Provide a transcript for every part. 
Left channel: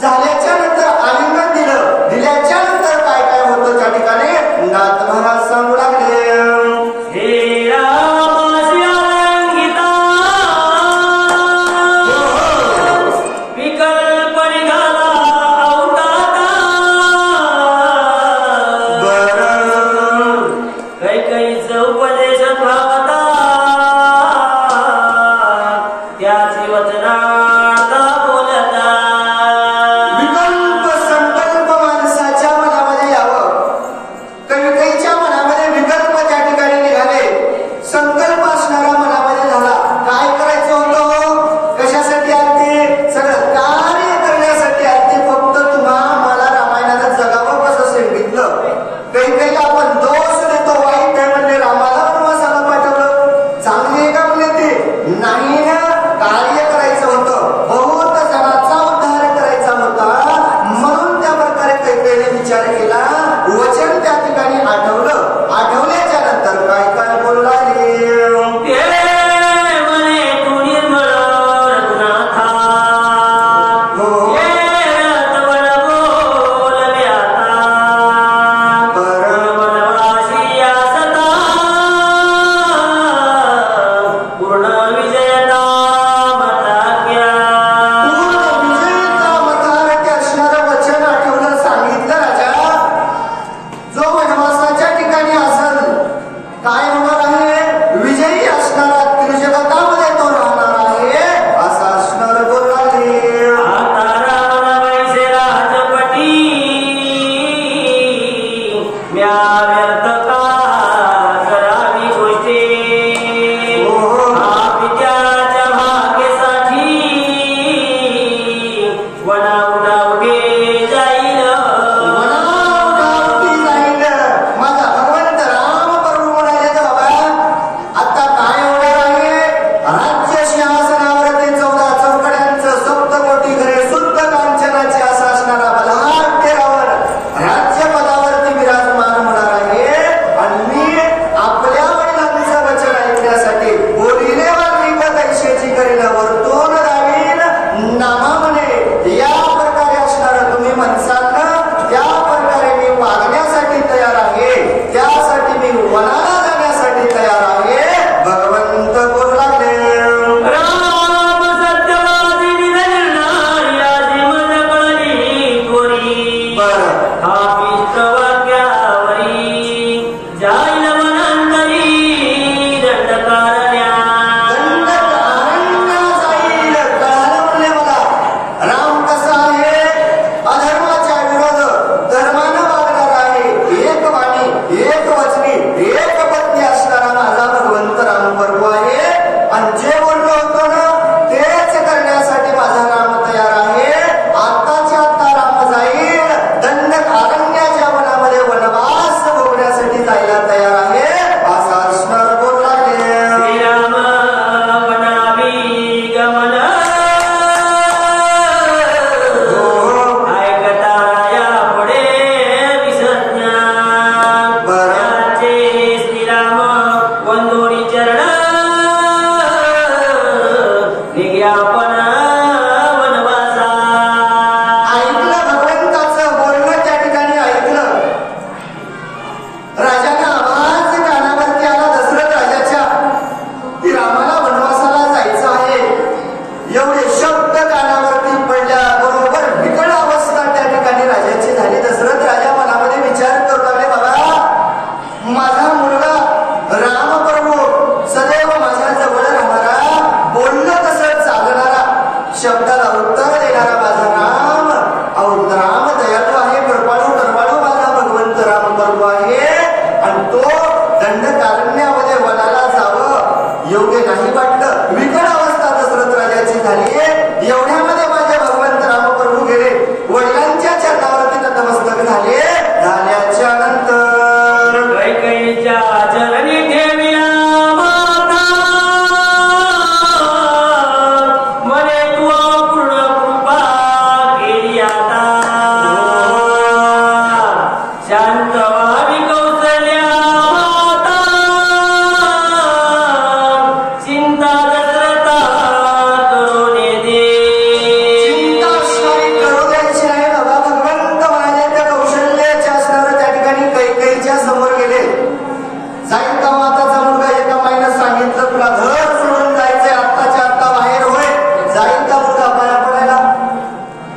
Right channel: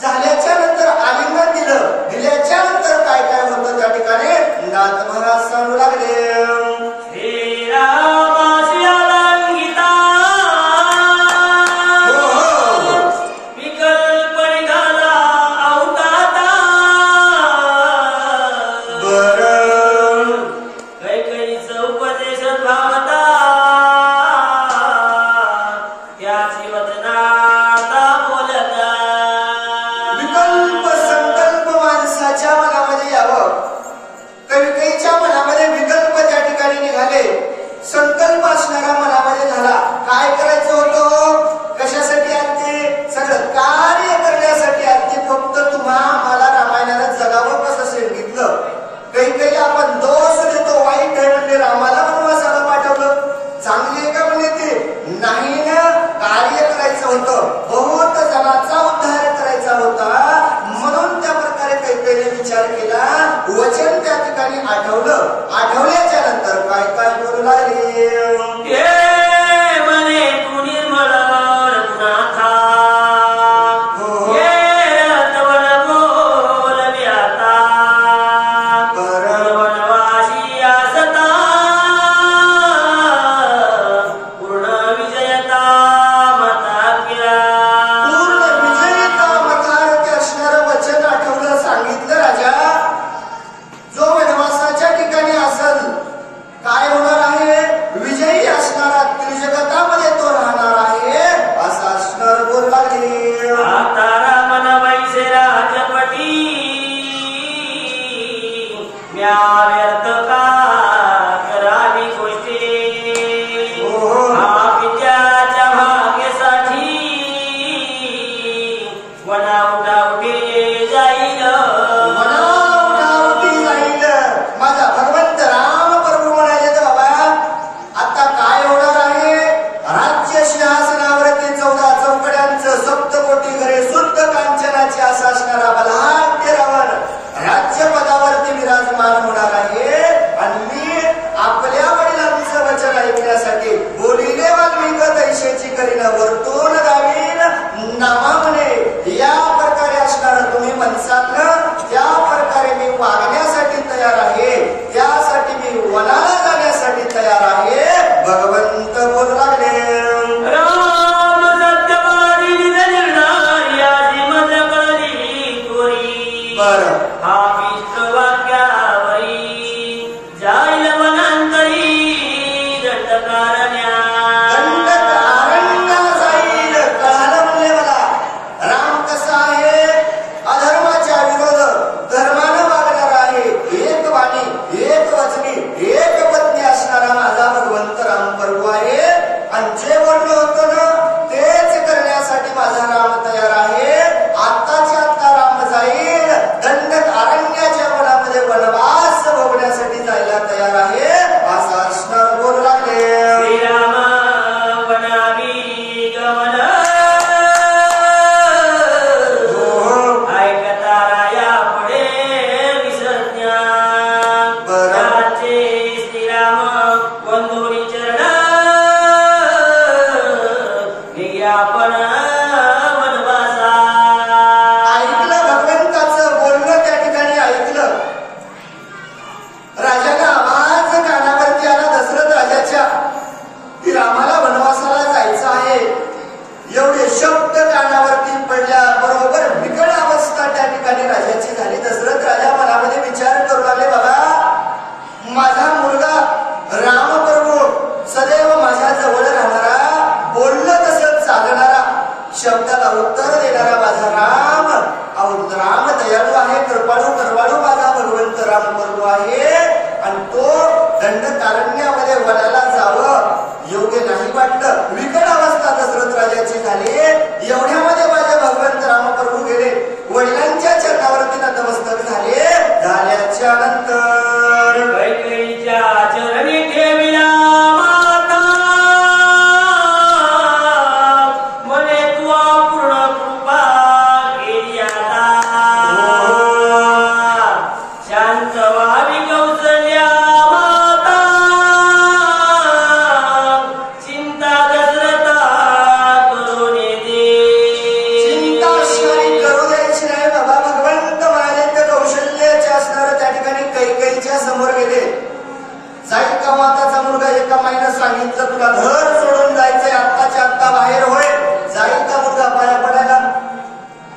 झाल्याच्या नंतर आलिंगन दिलं, दिल्याच्या नंतर काय काय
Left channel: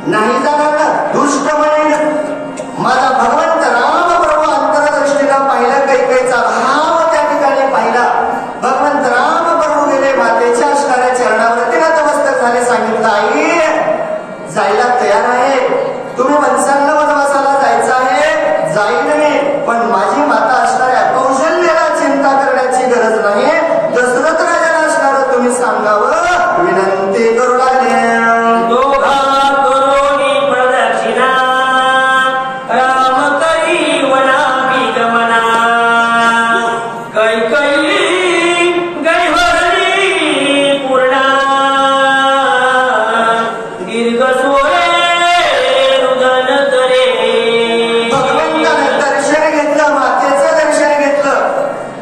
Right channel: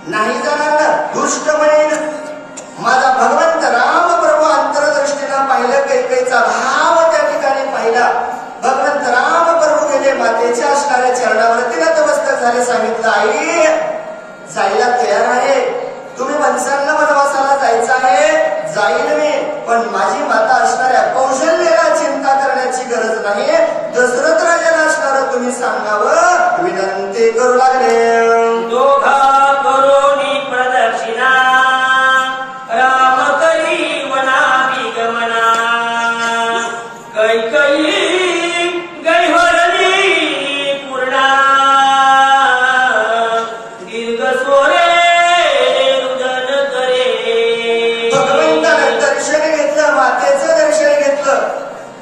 नाही जाणार ना दुष्ट होईल. माझा भगवंत राम प्रभू अंतरदृष्टीनं पाहिलं, कैकेयीचा भाव त्या ठिकाणी पाहिला. भगवंत राम प्रभू गेले, मातेच्या असणाऱ्या चरणावरती नतमस्तक झाले. सांगितलं, आई जायला तयार आहे, तुम्ही मनसांना वनवासाला जायचं आहे, जाईल मी, पण माझी माता असणाऱ्या कौशल्याला चिंता करण्याची गरज नाही. दशरथ राजाला असणारं तुम्ही सांगावं विनंती करू लागले.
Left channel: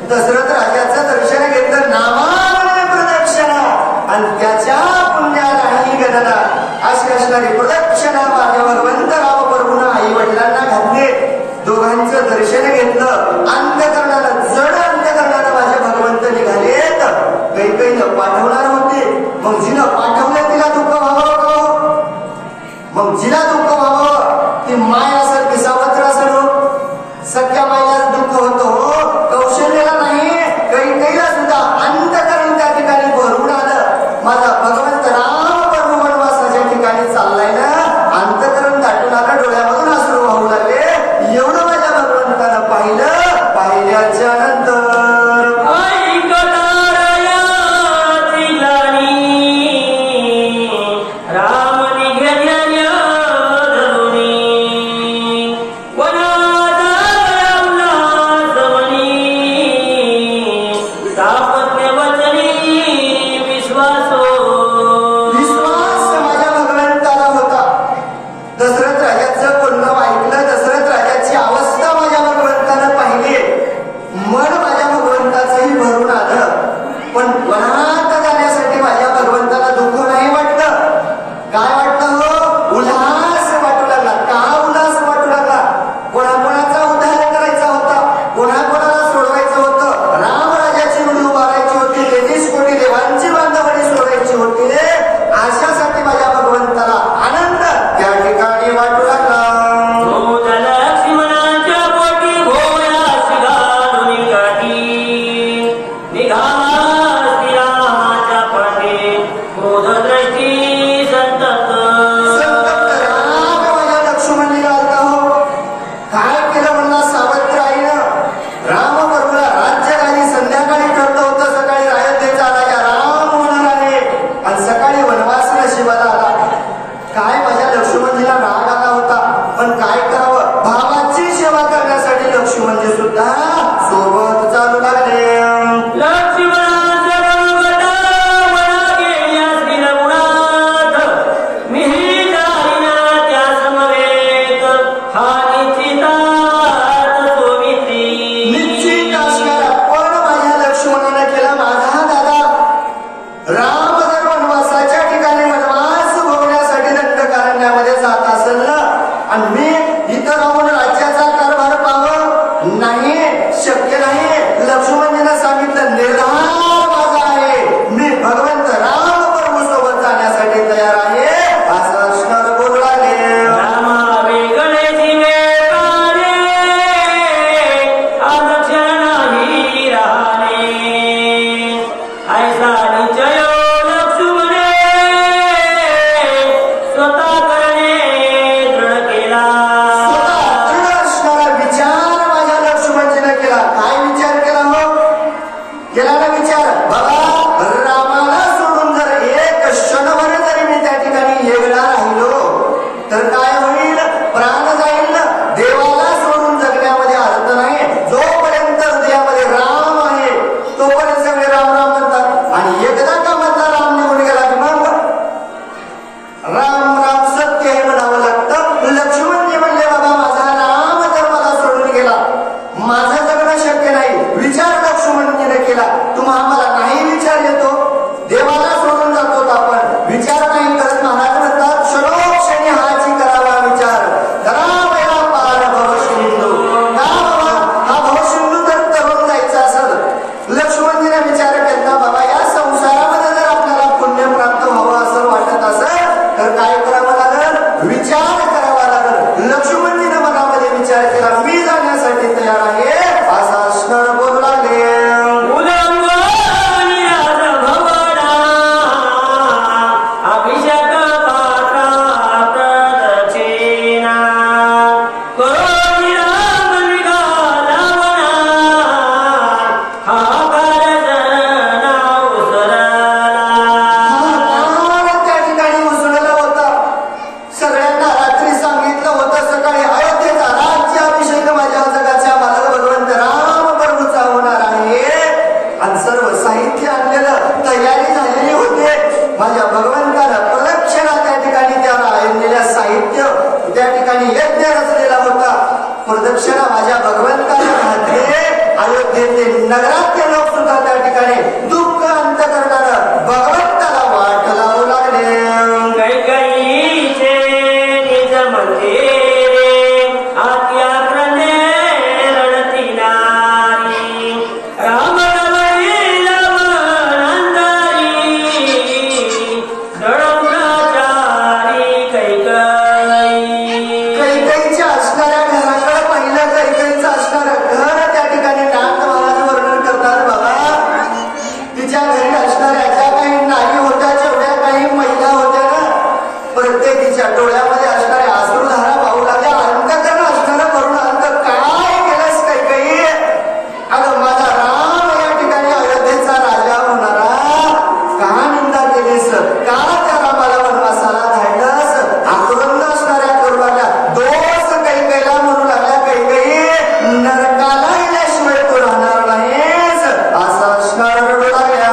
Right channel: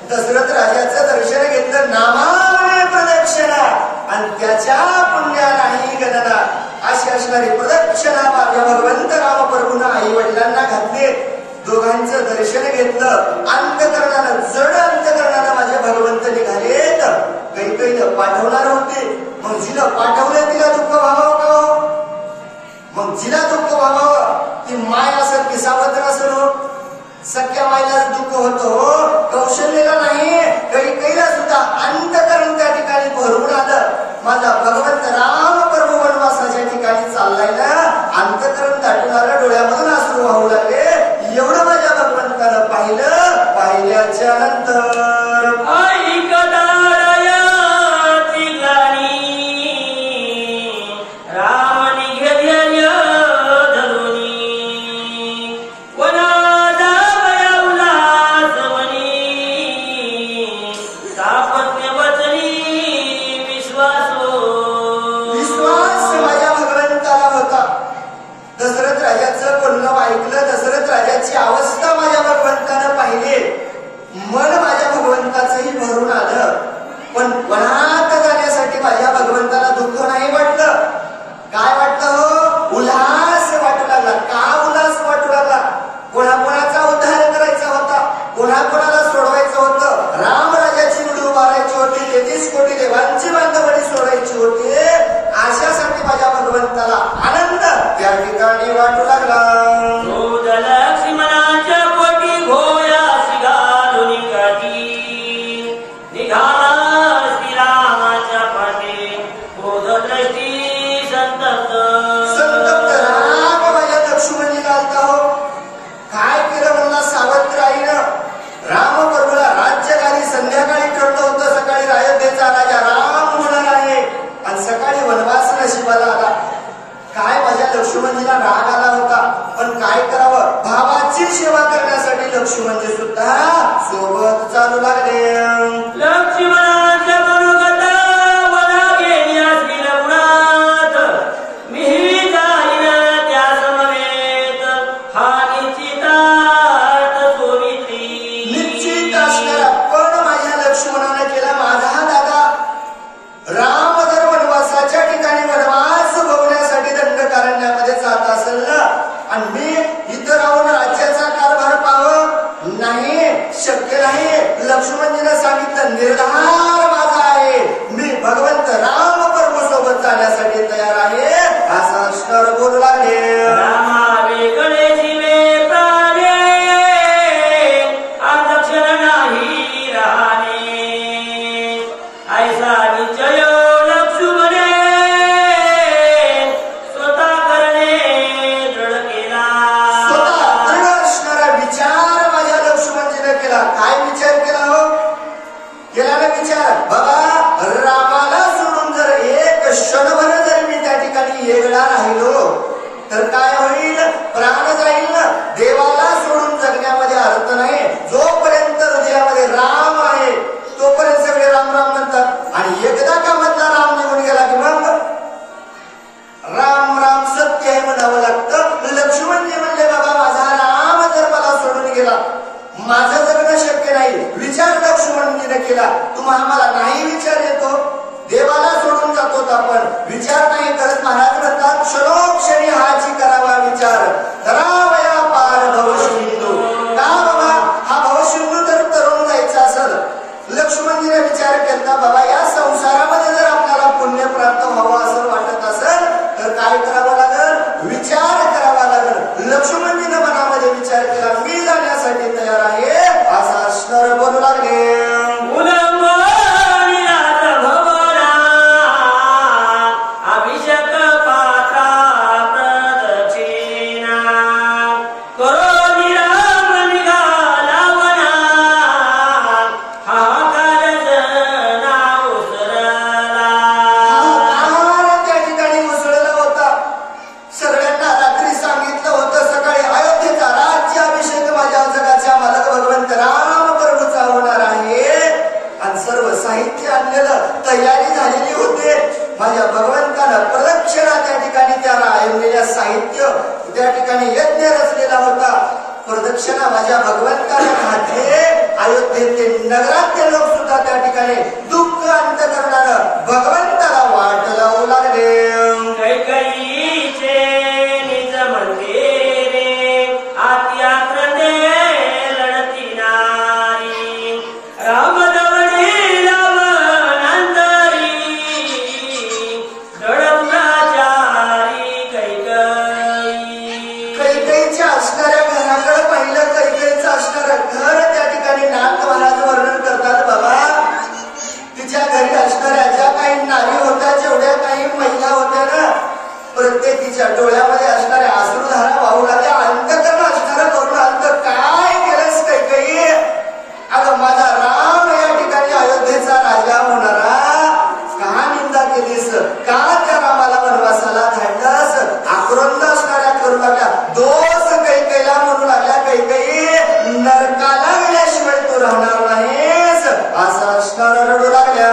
दशरथ राजाचं दर्शन घेतलं, नामाने प्रदक्षिणा, आणि त्याच्या पुण्यालाही गणना. अशी असणारी प्रदक्षिणा माझ्या भगवंत राम प्रभूनं आई वडिलांना घातले. दोघांचं दर्शन घेतलं. अंतकरणानं, जड अंतकरणानं माझ्या भगवंत निघालेत. कैकेयीनं पाठवणार होते, मग जिनं पाठवलं तिला दुःख व्हावं का? मग जिला दुःख व्हावं ती माय असत की सावत्र असत? सख्या मायला दुःख होतं हो, कौशल्याला नाही. कैकेयीला सुद्धा अंतकरण त्या ठिकाणी भरून आलं. माझा भगवंत राम प्रभू वनवासाच्या ठिकाणी चाललाय ना, अंतकरण दाटून आलं, डोळ्यामधून अश्रू वाहू लागले. एवढं माझ्या भगवंतानं पाहिलं. पाहिल्याच्या नंतर देवाला सोडून जातो आपण, विचार नाही करत. महाराज म्हणतात क्षणोक्षणी हाची करावा विचार करावा लागल. लक्ष्मणजीने मनामध्ये विचार केला, मी जाण्यासाठी तयार आहे असा असणार बोलू लागले. तयारी झालेली होते. माझ्या भगवंतानं प्रदक्षिणा त्या ठिकाणी त्याला आणलेल्या साहित्य त्या ठिकाणी यज्ञ रचलेला होता. प्रदक्षिणा माझ्या भगवंताला घातले. अयोध्येतले नगरातले लोक सुद्धा त्या ठिकाणी दुःख अंत करणारं भगवंताला वाट लावू लागले. प्रत्येकीच्या डोळ्यामध्ये असणाऱ्या अश्रुधारा वाहू लागल्या. अंतकरण असणारा करून अंत काय केलंस काही. अगं माझा राम या ठिकाणी अयोध्येचा राजा होणारा का निंदा केलीस, का त्या रामाला वनवासाला धाडलंस. आक्रोंद असणाऱ्या करू लागल्या. दोष कैकेला म्हणू लागल्या, कैकेयी नरकाला गेल्याशिवाय तू राहणार नाहीस असं असणार रडू लागल्या.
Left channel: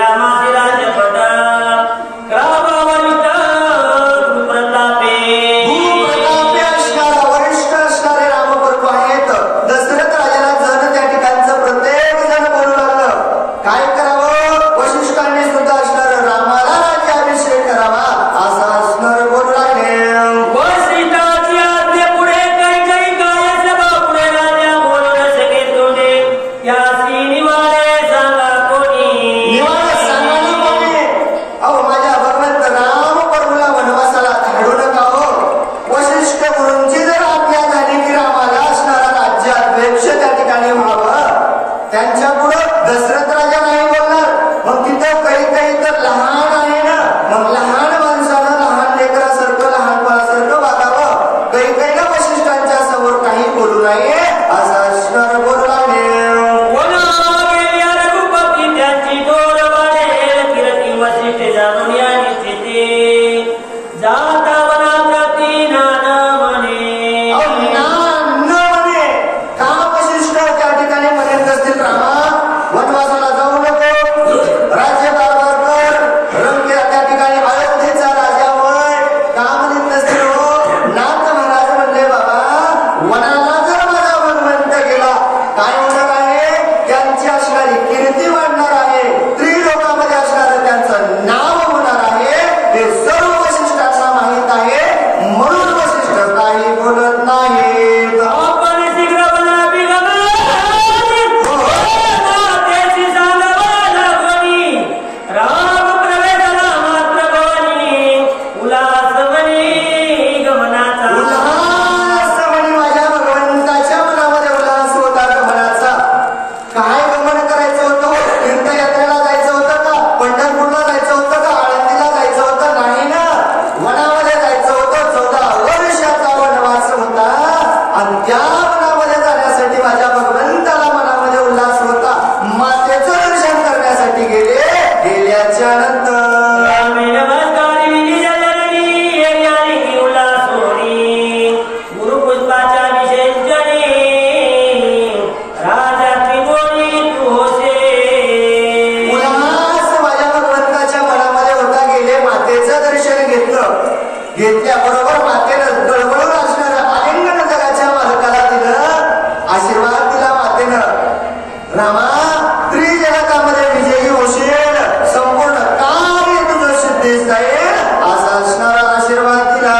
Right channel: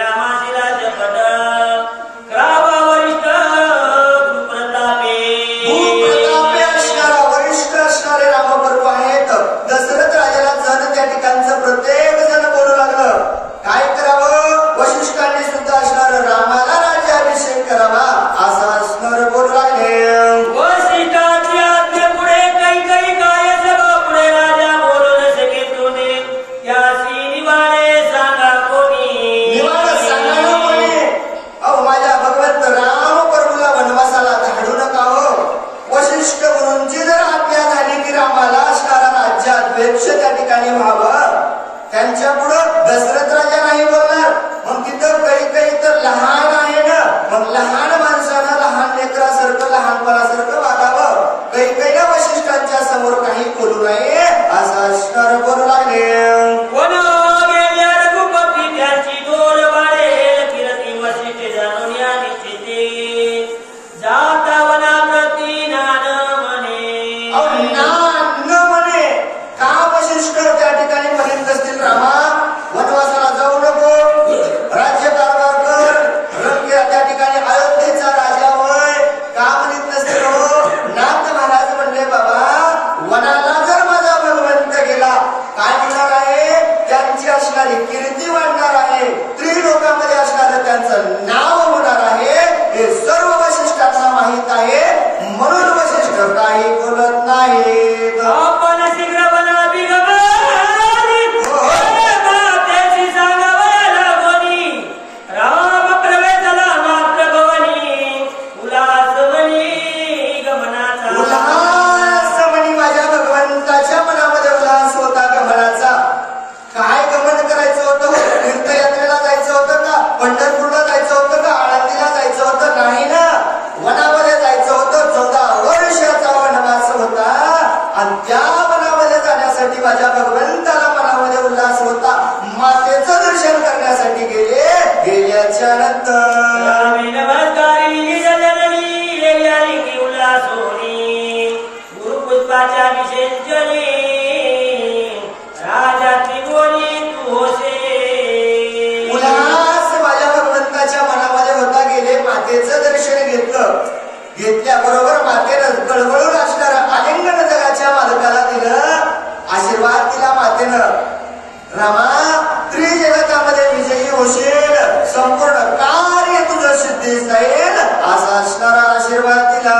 रामाची राजपद अनंत घेतल्याबरोबर मातेनं गळगळून असणारा आलिंगन जगाच्या मालकाला दिलं. आशीर्वाद दिला मातेनं, रामा त्रिजगतामध्ये विजयी होशील, संपूर्ण कार्य तुझं सिद्धीस जाईल असा असणारा आशीर्वाद दिला.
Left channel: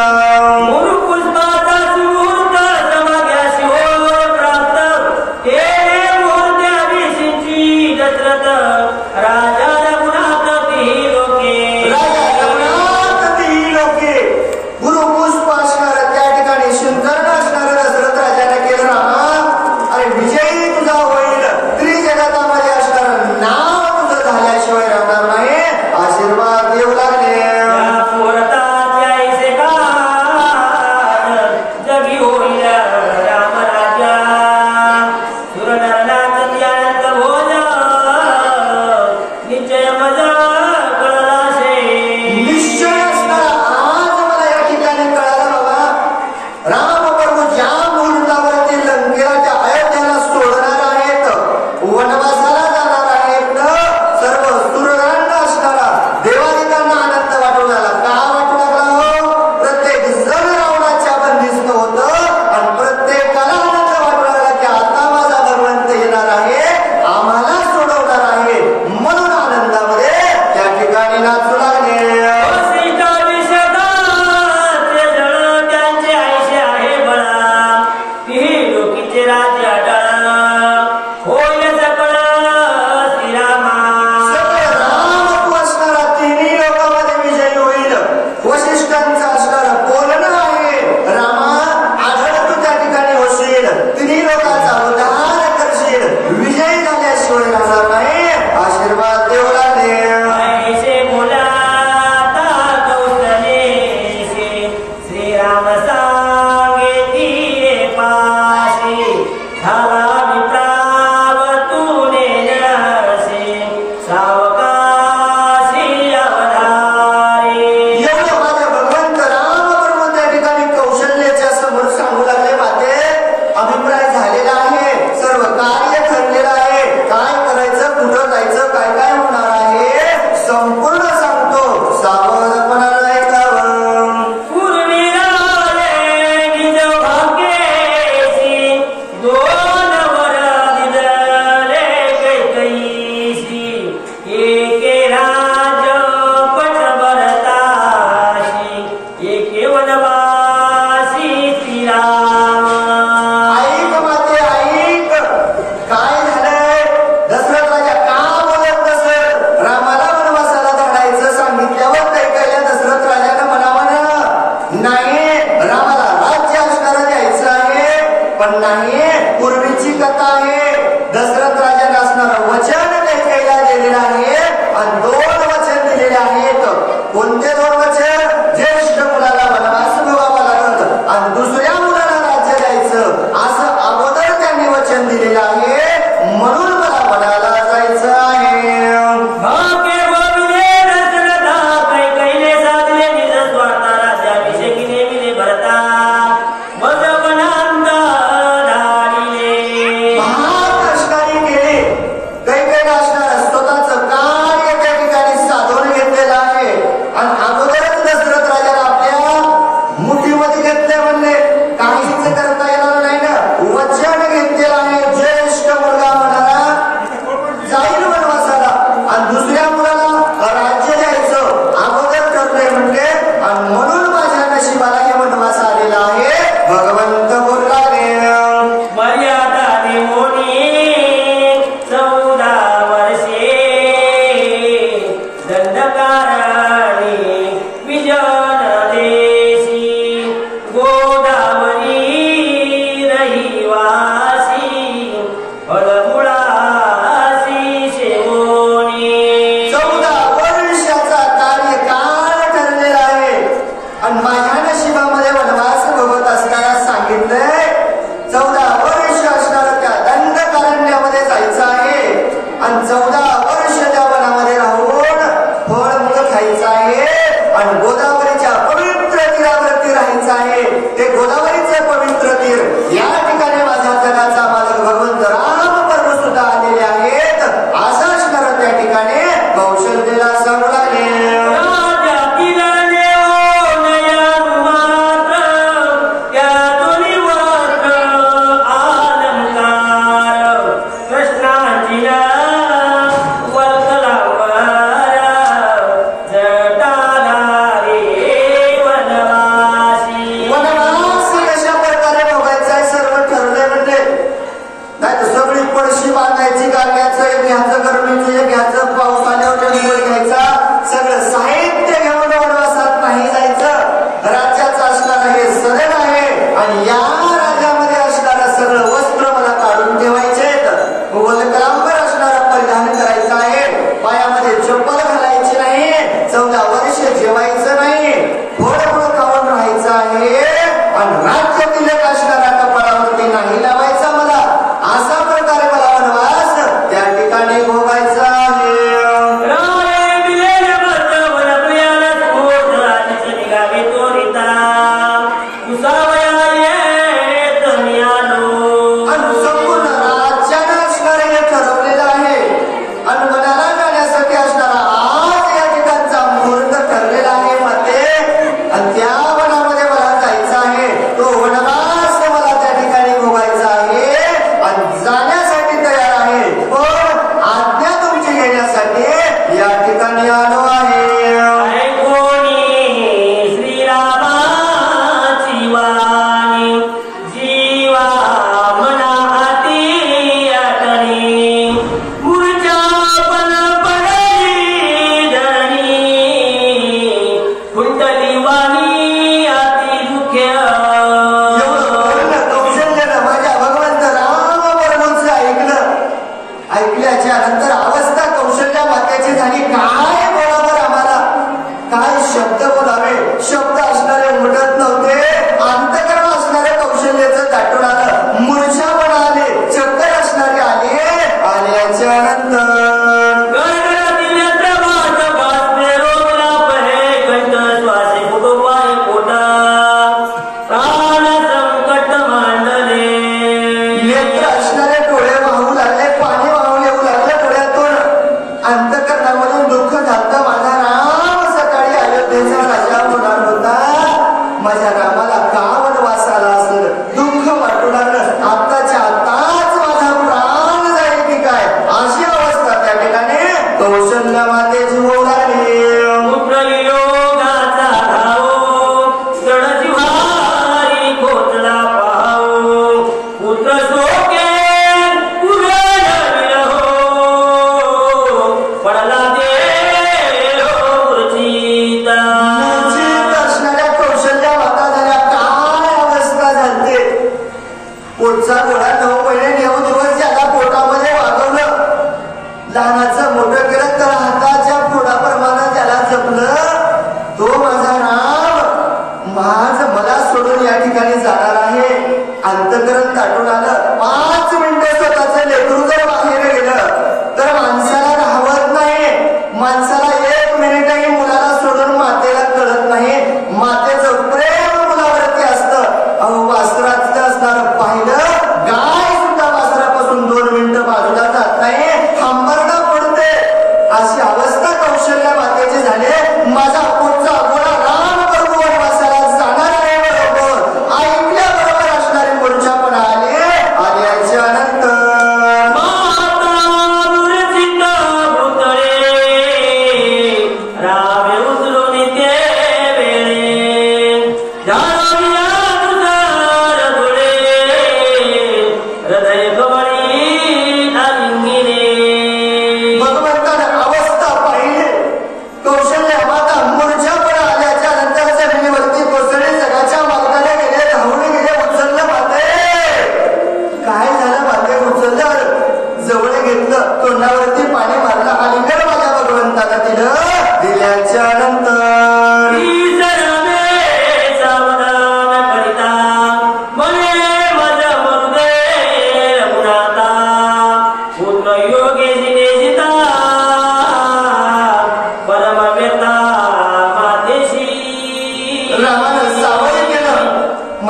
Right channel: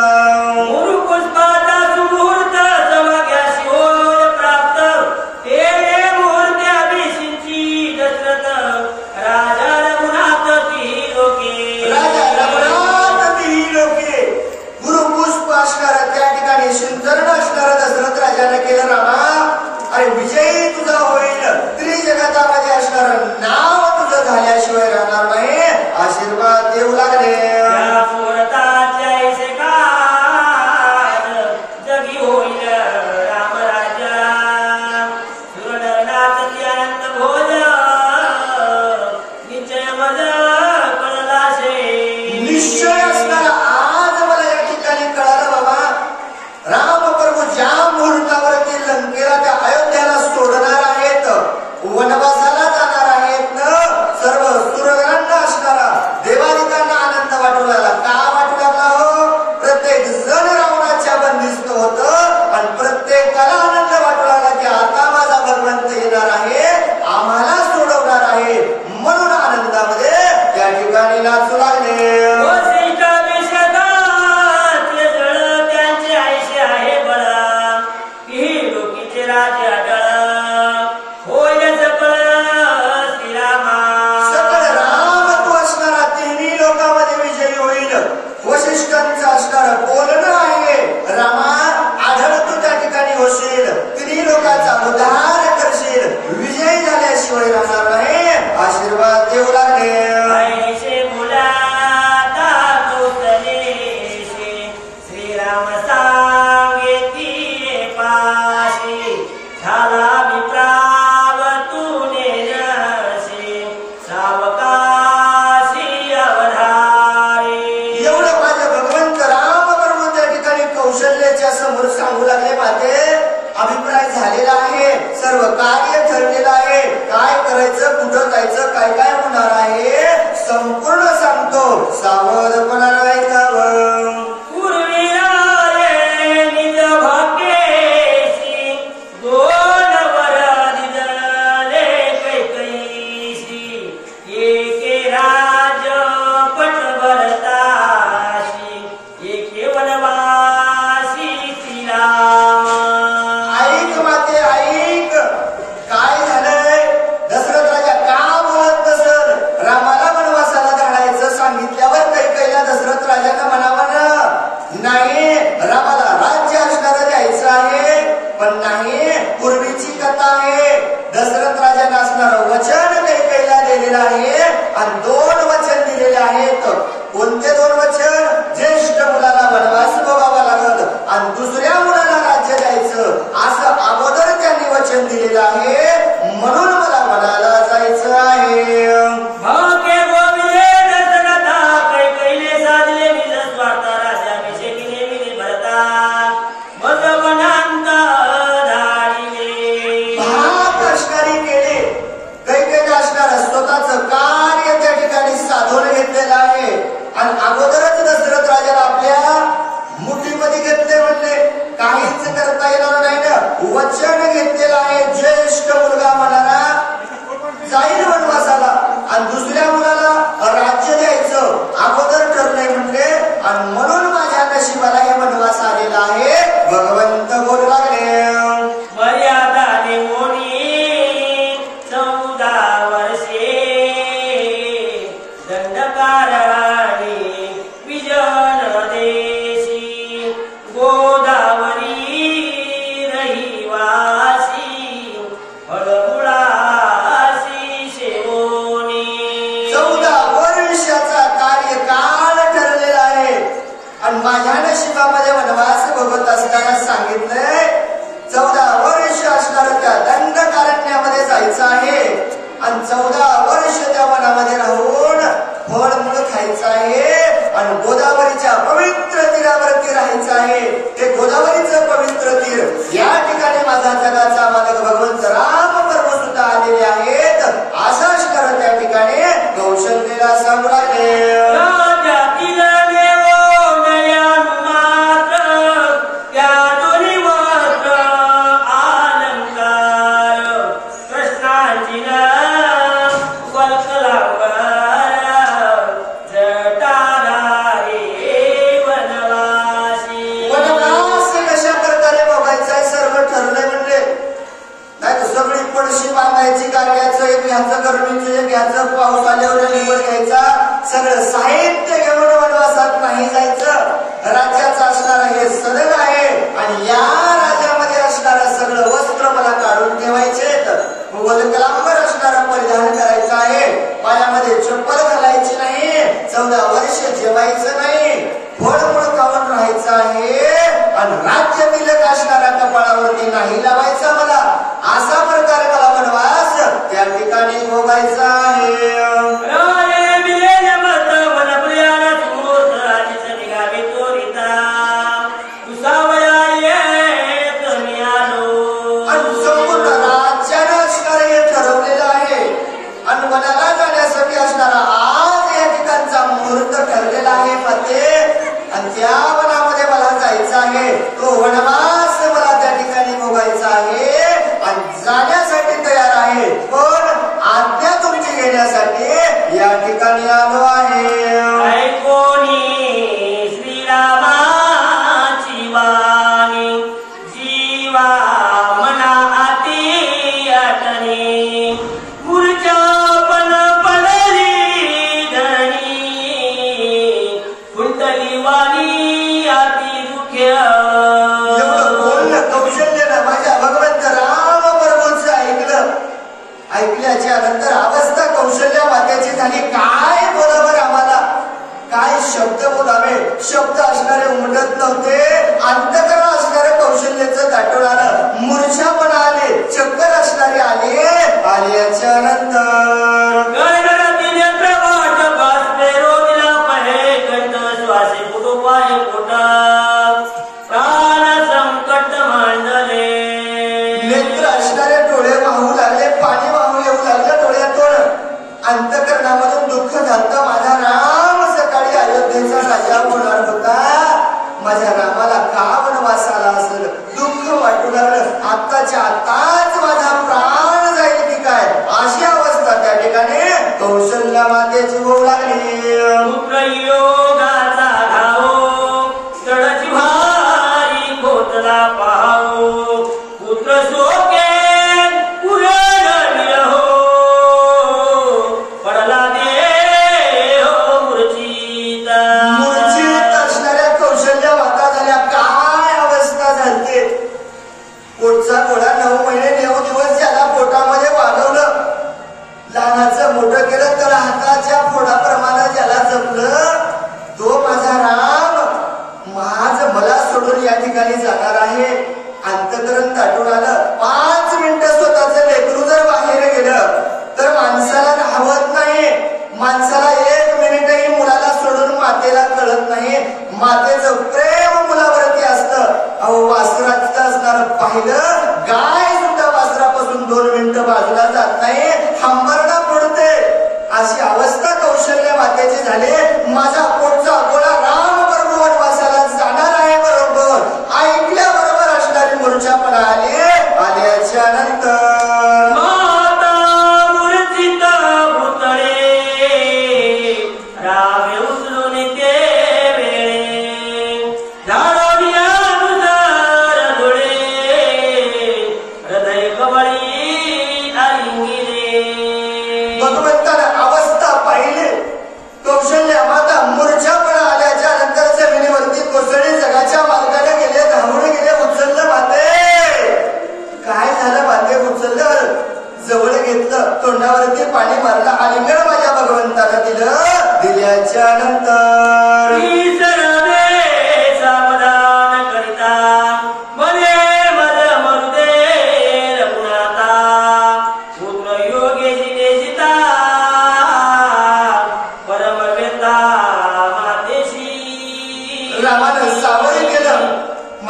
हे गोदावरीचं पवित्र तीर, या ठिकाणी माझ्या जगाचा मालक भगवंत राम परम सुद्धा आलेले आहेत. असं असणार त्या ठिकाणी कौशल्यला सांगू लागले.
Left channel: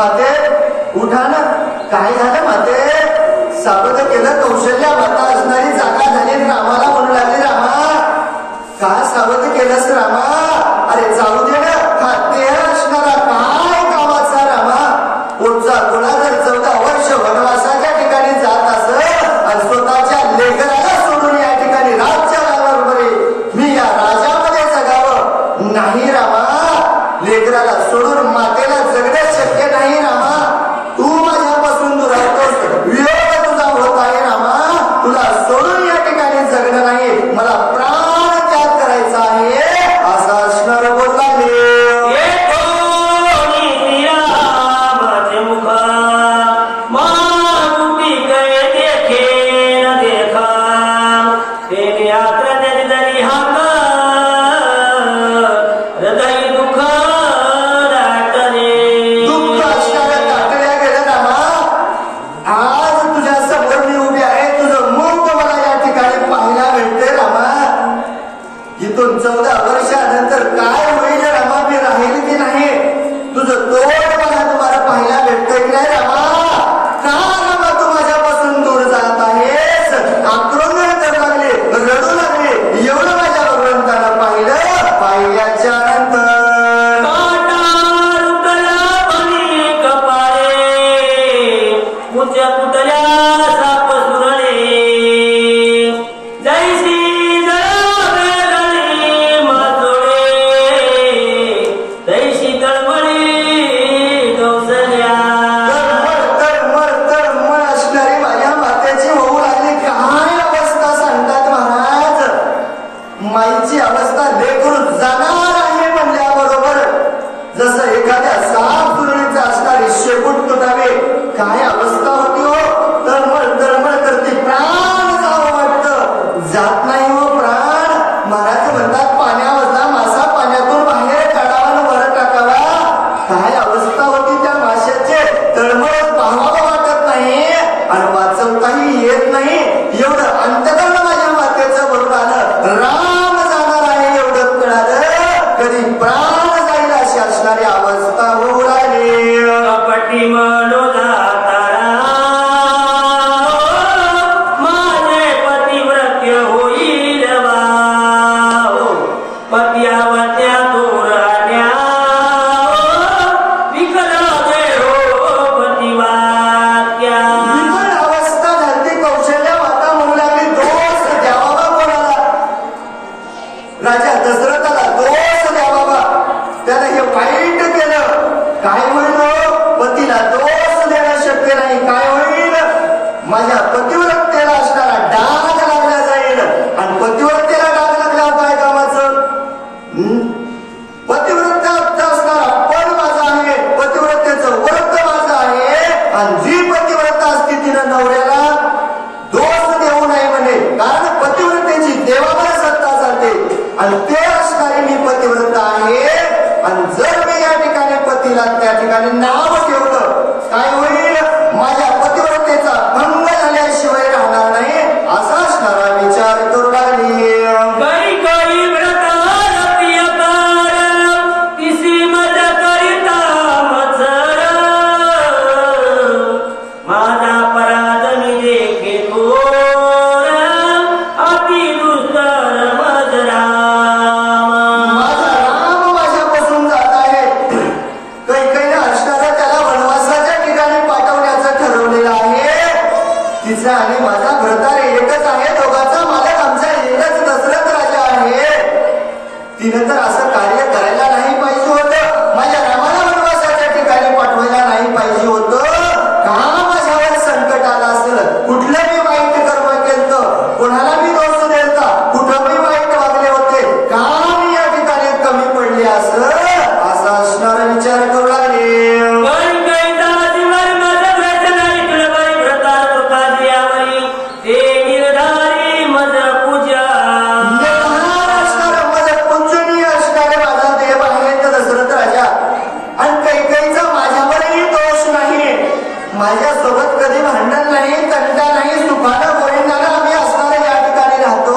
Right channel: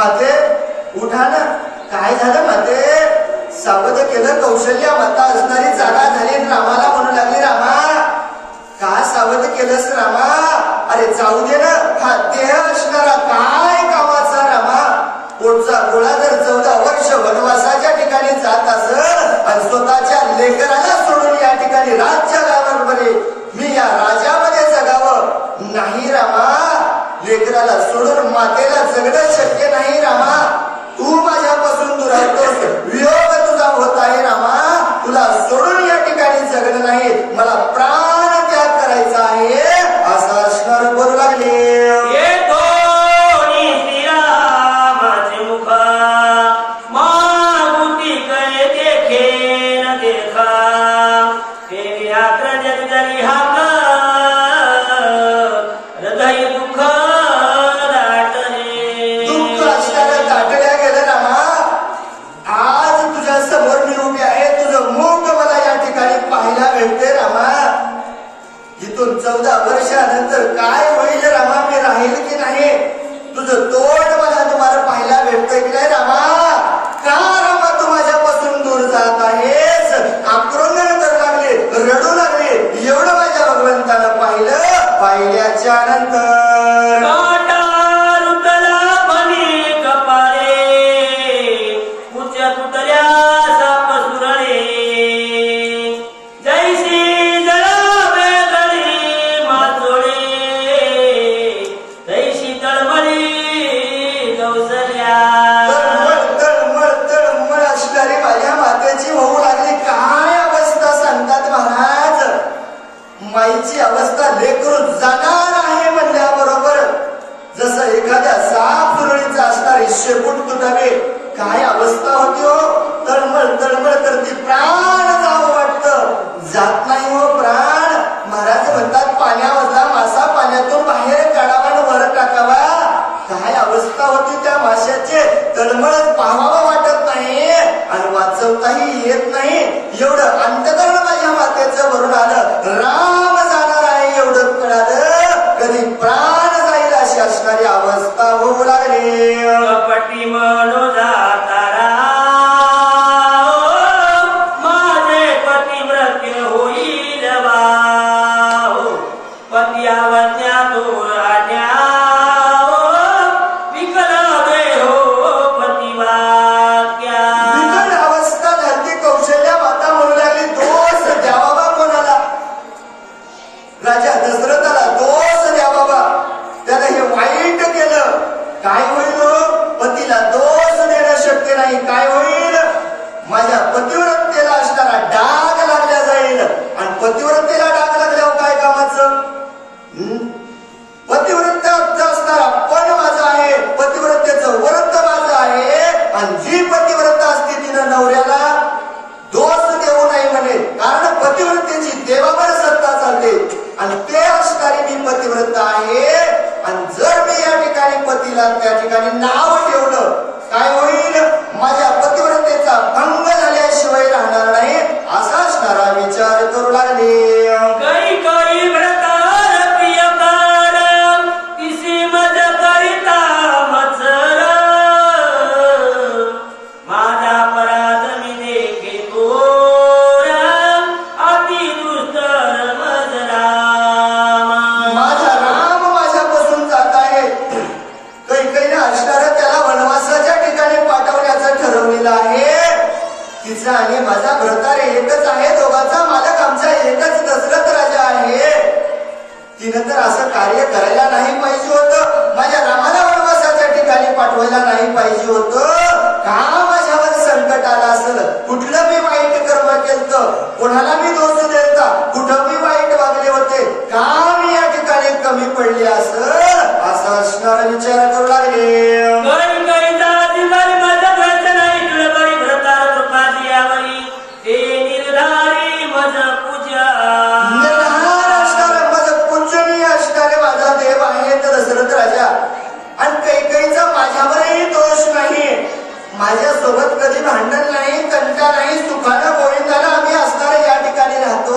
माते उठा ना, काय झालं माते? सावध केलं कौशल्या माता असणारी जागा झाली, रामाला म्हणू लागली रामा का सावध केलंस रामा? अरे जाऊ दे ना, हा देह असणारा काय कामाचा रामा? पुढचा गोळा जर 14 वर्ष वनवासाच्या ठिकाणी जात असं आणि स्वतःच्या लेकराला सोडून या ठिकाणी राज्य गावावर मी या राजामध्ये जगावं नाही रामा. लेकराला सोडून मातेला जगणं शक्य नाही रामा. तू माझ्यापासून दूर राहतोस, वियोग तुझा होत आहे रामा. तुला सोडून या ठिकाणी जगणं नाही, मला प्राण त्याग करायचा आहे असं असणार बोलू लागले. इथून 14 वर्षानंतर काय होईल रामा? मी राहील की नाही? तुझं तोड मला तुम्हाला पाहायला भेटतंय की नाही रामा? का रामा तू माझ्यापासून दूर जात आहेस? आक्रमण करू लागले, रडू लागले. एवढं माझ्या भगवंतानं पाहिल्याच्या नंतर माईची अवस्था लेकरू जाणार आहे म्हणल्याबरोबर जसं एखाद्या साप सुरळीचा असणारी शेपूट तुटावे काय अवस्था होती हो. तळमळ करते, प्राण जावं वाटतं, जात नाही हो प्राण. महाराज म्हणतात पाण्यामधला मासा पाण्यातून बाहेर काढावा आणि वर टाकावा. काय अवस्था होती त्या माशाचे. तळमळत पाहावं वाटत नाही आणि वाचवताही येत नाही. एवढं अंतकरण माझ्या मातेचं भरून आलं. राम जाणार आहे एवढं कळालं, कधी प्राण जाईल अशी असणारी अवस्था होऊ लागली. कपटी म्हणू जातारा माझे पतिव्रत्य होईल वाव. पत्यावत्या तोरण्या विकल देहो पतिवात्या. विकल अवस्था झाली. कौशल्या माता म्हणू लागली दोष द्यावा कोणाला? राजा दशरथाला दोष द्या बाबा. त्याला हे वाईट केलं. काय होईल? पतीला दोष देणं शक्य नाही. काय होईल? माझ्या पतिव्रतेला असणारा डाग लागला जाईल. आणि पतिव्रतेला डाग लागल्यावर काय कामाचं? पतिव्रताचा असणारा पण माझा आहे, पतिव्रतेचं व्रत माझं आहे. आणि जी पतिव्रता असते तिनं नवऱ्याला दोष देऊ नये म्हणे, कारण पतिव्रतेची देवावर सत्ता चालते आणि ते असणारी मी पतिव्रता आहे. आणि जर मी या ठिकाणी पतीला त्या ठिकाणी नाव ठेवलं काय होईल? माझ्या पतिव्रतेचा भंग झाल्याशिवाय राहणार नाही असा असणारा विचार करू लागले. तिचा आणि माझा भरतार एकच आहे. दोघांचा मालक आमचा एकच दशरथ राजा आहे. तिनं तर असं कार्य करायला नाही पाहिजे होतं. माझ्या रामाला वनवासाच्या ठिकाणी पाठवायला नाही पाहिजे होतं. का माझ्यावर संकट आलं असेल? कुठलं मी वाईट कर्म केलं? कोणाला मी दोष देता? कुठं मी वाईट वागले होते? का मी या ठिकाणी कमी पडले असं असा असणारा विचार करू लागले. माझ्यासोबत कधी भांडण नाही, तंटा नाही, सुखानं गोविंदानं आम्ही असणारे या ठिकाणी राहतो.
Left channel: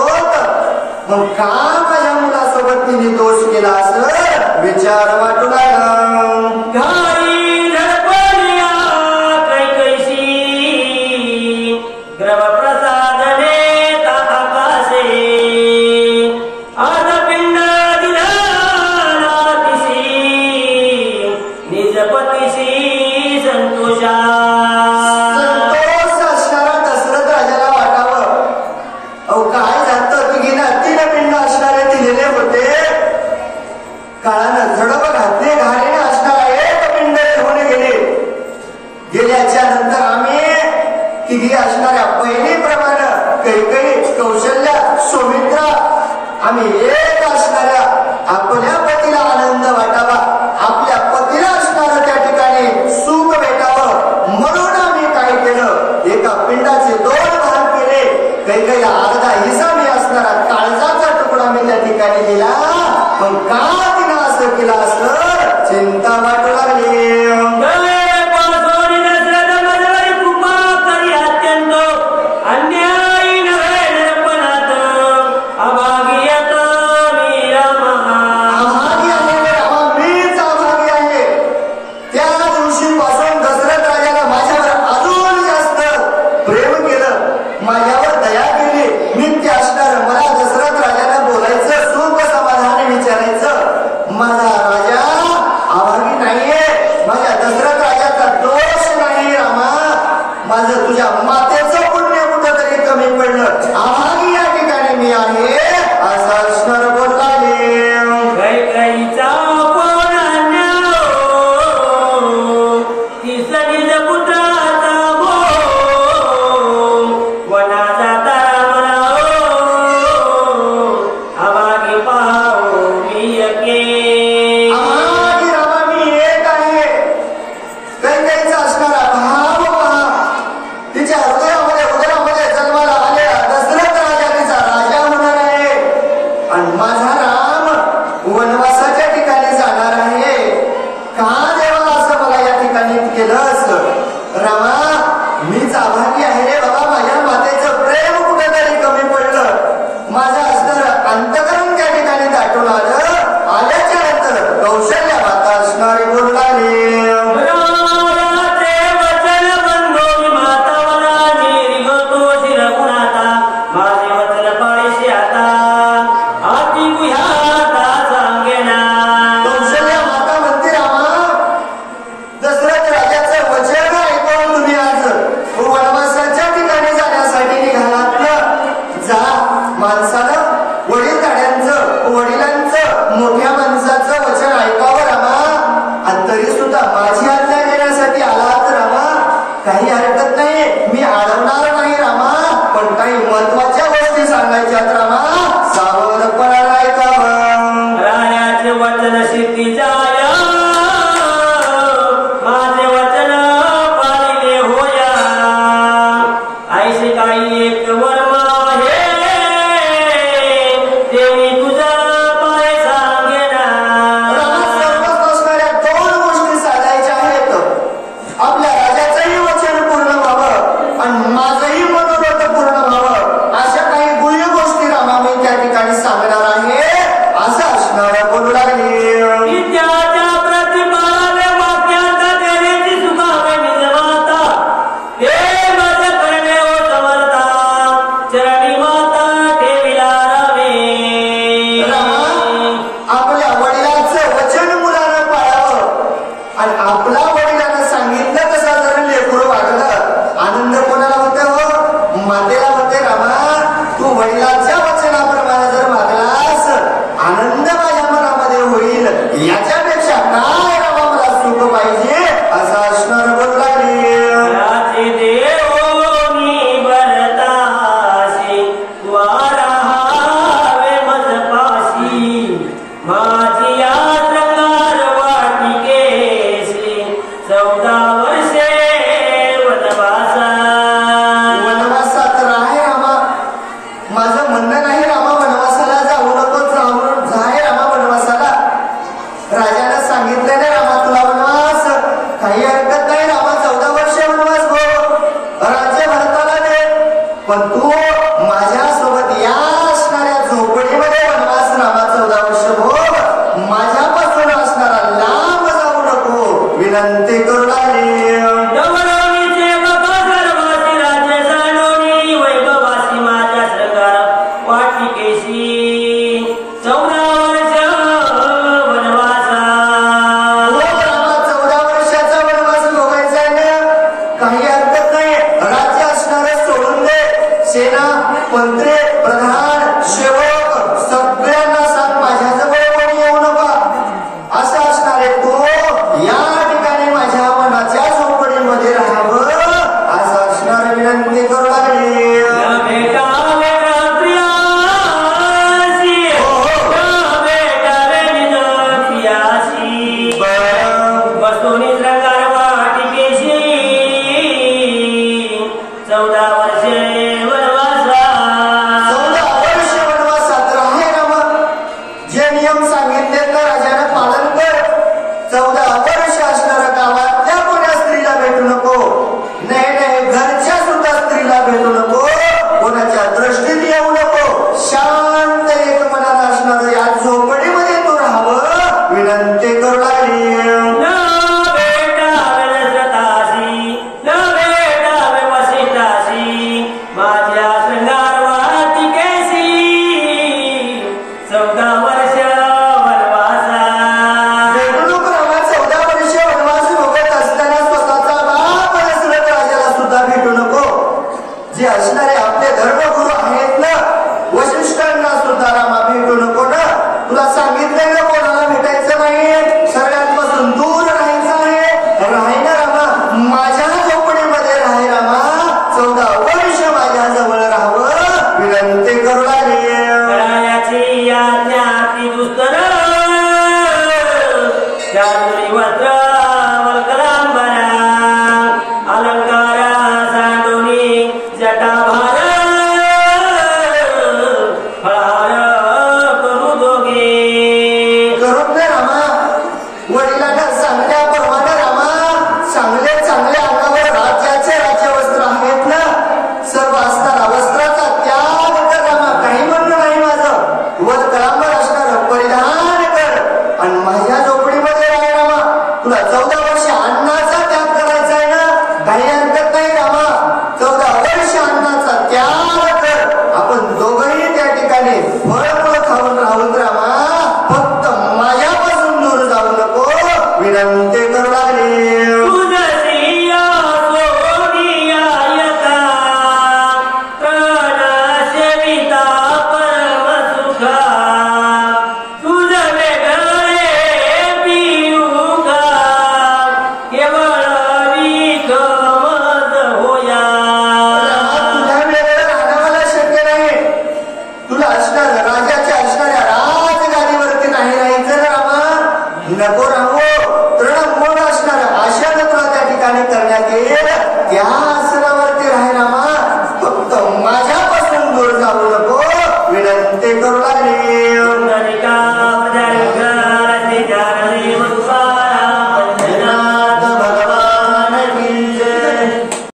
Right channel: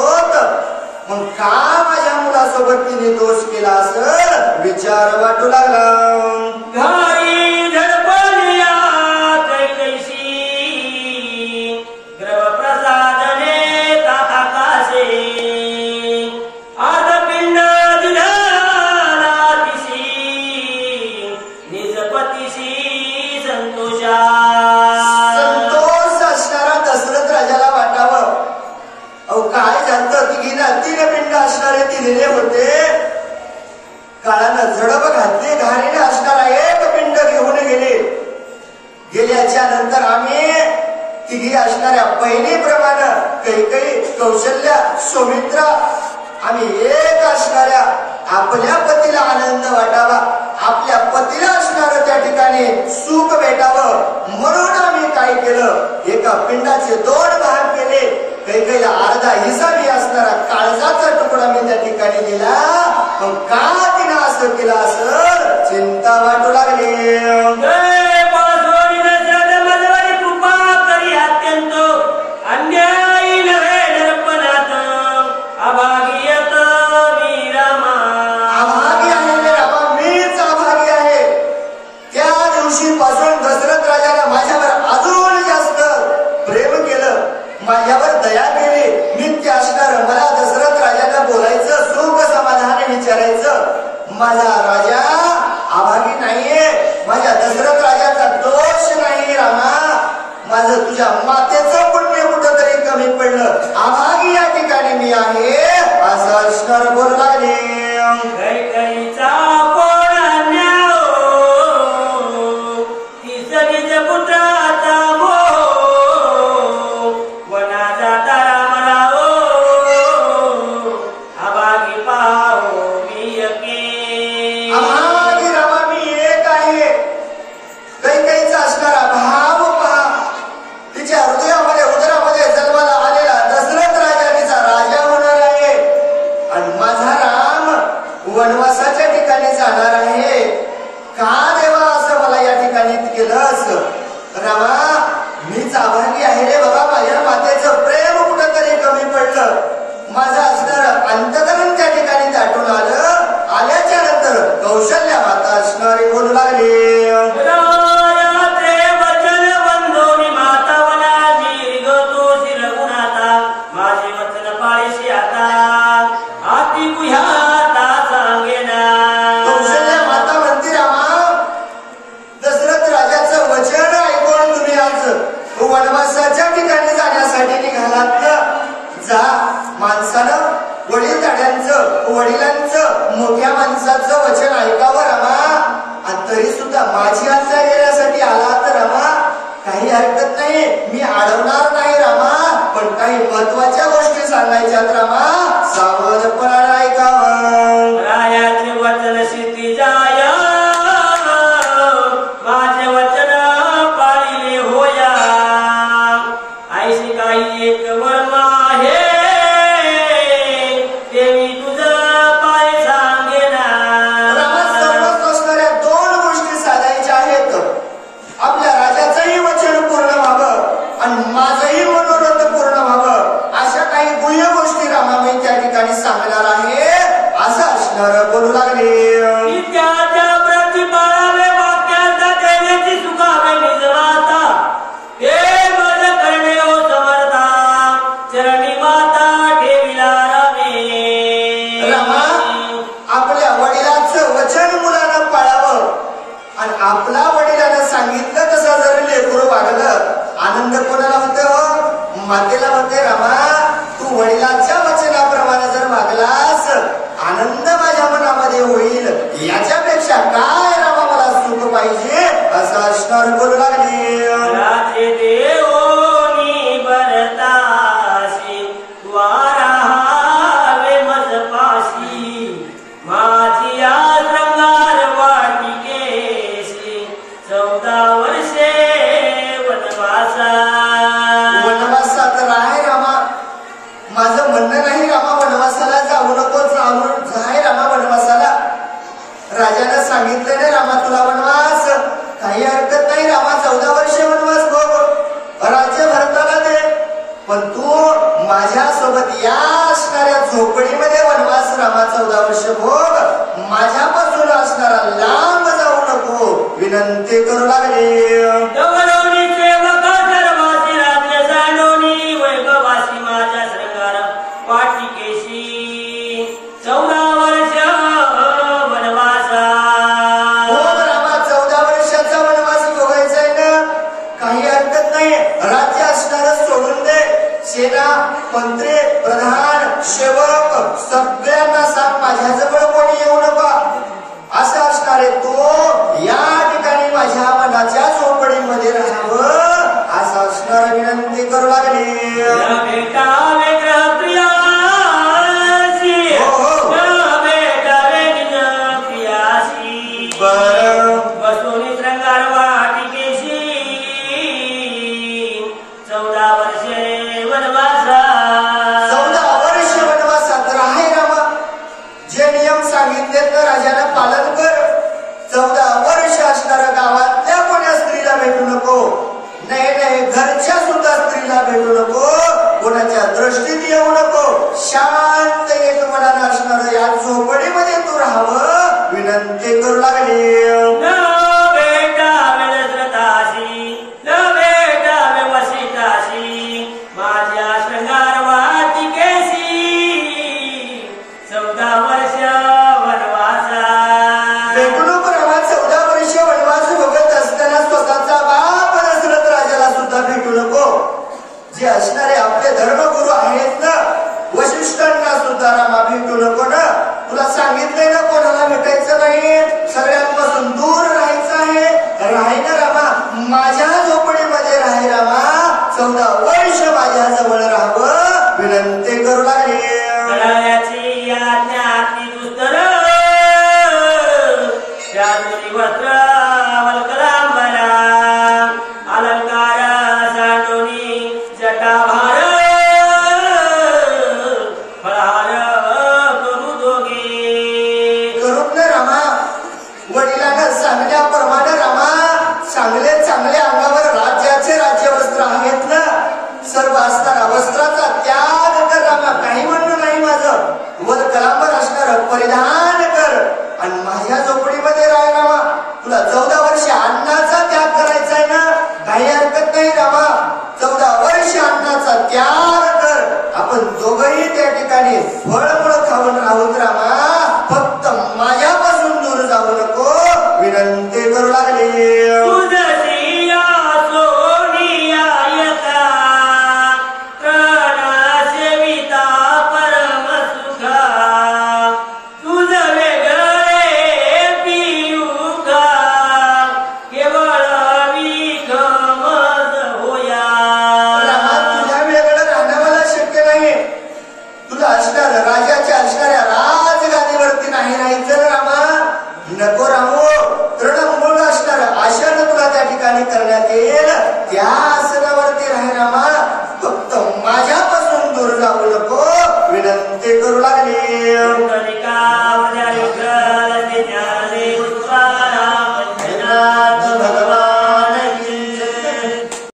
मग का माझ्या मुलासोबत तिने दोष केला असं विचार वाटू लागला. घाई धडपड तिनं असं केलं असं चिंता वाटू लागली. माझ्यावर दया केली, नित्य असणार. मला दशरथ राजाला बोलायचं, सुख समाधान विचारायचं. माझा राजा अभागी नाहीये, माझ्या दशरथ राजाचा दोष नाही रामा. माझं तुझ्या मातेचं पुण्य कुठं तरी कमी पडलं, अभागी या ठिकाणी मी आहे असं असणार बोलताले. वनवासाच्या ठिकाणी जाणार आहे. का देवा असं मला या ठिकाणी केलंस? रामा मीच अभागी आहे रे बाबा. माझ्या मातेचं प्रेम कुठेतरी कमी पडलं. माझं असणार अंतकरण त्या ठिकाणी दाटून आल्याच्या नंतर कौशल्या माता असणारी बोलू लागली. माणसानं वडिलांचं मोठ्या माणसाचं वचन ऐकावं रामा. आणि तरी सुद्धा माझी आज्ञा घेण्यासाठी आला तर रामा काही हरकत नाही, मी अडवणार नाही रामा. पण काही महत्वाच्या गोष्टी सांगायच्यात रामा, सावधपणाने ऐकावं. रायाचे वचन सिद्धी जाया, माझे वचन पाळिले होया. ऐसे काही एक वर्मा आहे, देवी तुझं पाय सांगेना. रामा सर्वच असणाऱ्या दोन गोष्टी साधायच्या आहेत. आपल्या राजाचंही वचन पूर्ण व्हावं आणि माझंही मनोरथ पूर्ण व्हावं. अशा काही गुह्य गोष्टी रामा मी त्या ठिकाणी सांगणार आहे असं असणार बोलू लागली. विद्याच्या प्रतिभावे वाक्यांचा देवीची सुखावे निजवाता, ते माझं करणे ओ समर्था, चरणी माता ठेविला रावे. रामा आपल्या वडिलांचं वचन मुलानं पाळावं आणि आपला वडिलांना सांगितलं तसं जर लेकरू वागलं, आनंद कोणाला होते हो? मातेला होते. रामा तू वडिलांच्या वचनाप्रमाणे जर वागलास, आनंद माझ्या मनामध्ये होईल. याच्यापेक्षा काय रामा मला सुख पाहिजे असं असणार बोलू लागली. राजे देवोनी भरतासी, वाराहावे मजपासी, माझी या श्रंगार वाटिकेसी, 14 वर्षे वनवासा. वनवासात राहे रामा. माझं म्हणणं नाही रामा वनवासाला जाऊ नको, जाय रामा वनवासाला. राजाने सांगितले नाही रामा तुला वनवास, काही हरकत नाही रामा. 14 वर्षे वनवास भोग, राज्य भरताला दे. पण तू माझ्यासोबत या असणाऱ्या झोपडीमध्ये वनवास रामा 14 वर्ष भोग वडिलांना सांगण्याप्रमाणे रामा चांगले चांगले अंगावर राज्याचे राज्यवस्त्र आहेत ना, सर्व असताना वस्त्राचा त्याग कर रामा. काही म्हणणं नाही माझं, वर कळांबर असणार परिधान कर आणि माझ्या झोपडीमध्ये राह रामा. तुला 14 वर्ष अन्नाचा त्याग करायचा आहे ना, काही हरकत नाही रामा. 14 वर्ष अन्नाचा त्याग कर. आपण दोघंही त्या ठिकाणी फळफळ खाऊन राहून रामा. फक्त माझ्यापासून दूर जाऊ नको विनंती करू लागली. नको राहू, तृणमूळ असणार आशेनं तुला त्या ठिकाणी करण्यात येईल. त्या आसनावरती राही रामा. फक्त माझ्यापासून दूर जाऊ नको विनंती करू लागले.